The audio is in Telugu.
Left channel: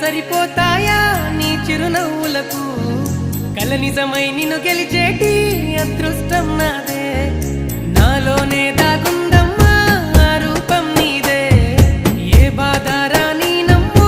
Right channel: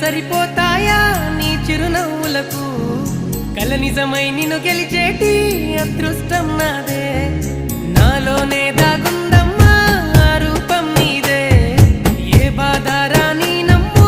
సరిపోతాయా నీ చిరునవ్వులకు కల నిజమై నిన్ను గెలిచేటి అదృష్టం నాదే నాలోనే దాగుందమ్మా ఆ రూపం నీదే ఏ బాధ రాని నమ్ము